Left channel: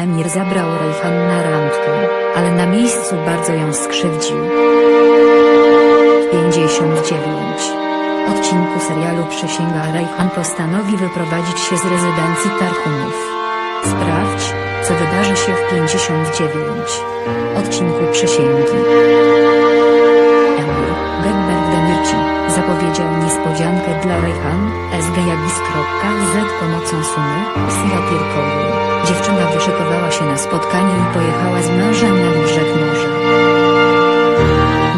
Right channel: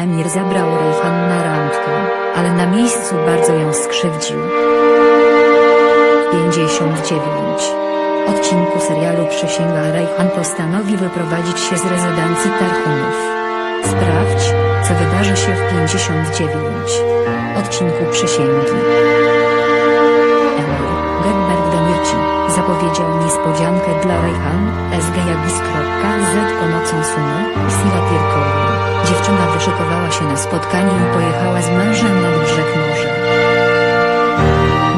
Emir zabrał Rejhan na randkę, ale na miejscu bardzo ją skrzywdził. 59. Odcinku serialu Przysięga Rejhan postanowi wyprowadzić się z rezydencji Tarhunów. Sprawdź, co wydarzy się w 59. Odcinku Przysięgi. Demirci, zapowiedział niespodziankę dla Rejhan, sgajagis.z pomocą Suny, Silatirkoglu. Dziewczyna wyszykowała się na spotkanie i pojechała z mężem nad brzeg morza.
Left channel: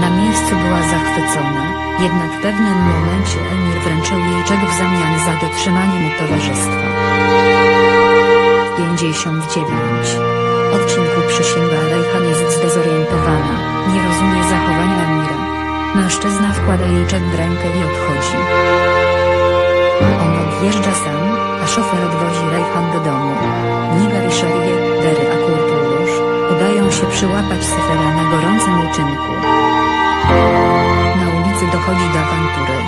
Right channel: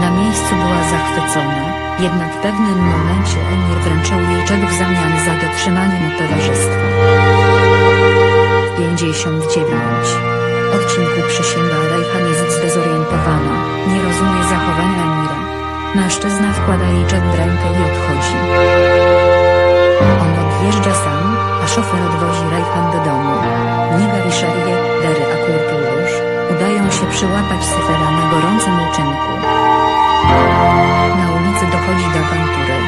Na miejscu była zachwycona, jednak w pewnym momencie Emir wręczył jej czek w zamian za dotrzymanie mu towarzystwa. 59. Odcinku przysięga Rejhan jest zdezorientowana, nie rozumie zachowania Emira. Mężczyzna wkłada jej czek w rękę i odchodzi. On odjeżdża sam, a szofer odwozi Rejhan do domu. Nigar i Sharie, Dery a Kurtulusz, udają się przyłapać Sefera na gorącym uczynku. Na ulicy dochodzi do awantury.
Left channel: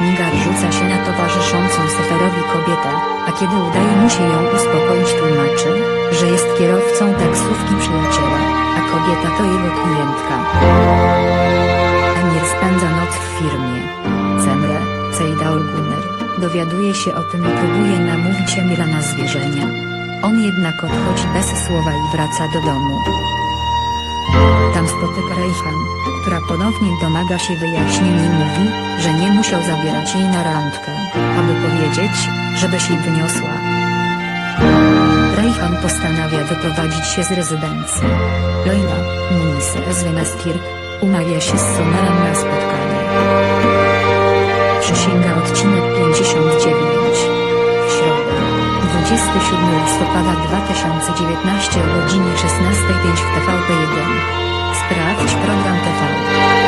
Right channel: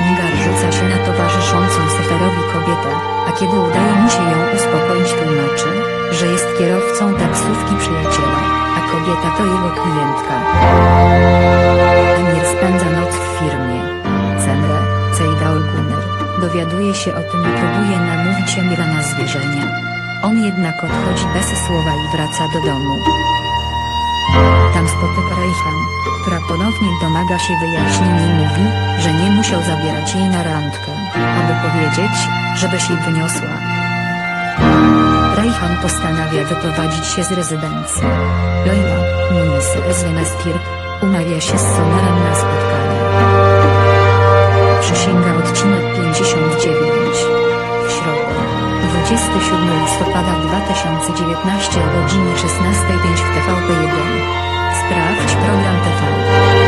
Nigar rzuca się na towarzyszącą Seferowi kobietę, a kiedy udaje mu się ją uspokoić tłumaczy, że jest kierowcą taksówki przyjaciela, a kobieta to jego klientka. Emir spędza noc w firmie. Cemre, Cejdaul Gunner, dowiaduje się o tym i próbuje namówić Emira na zwierzenia. On jednak odchodzi bez słowa i wraca do domu. Tam spotyka Rejhan, która ponownie domaga się wyjaśnień i mówi, że nie musiał zabierać jej na randkę, aby powiedzieć, żeby się wyniosła. Rejhan postanawia wyprowadzić się z rezydencji. Leila, Munise Zwemestirk, umawia się z Sonerem na spotkanie. Przysięga odcinek 59. W środę, 27 listopada 2019 o godzinie 16.05 w TVP1. Sprawdź program TV.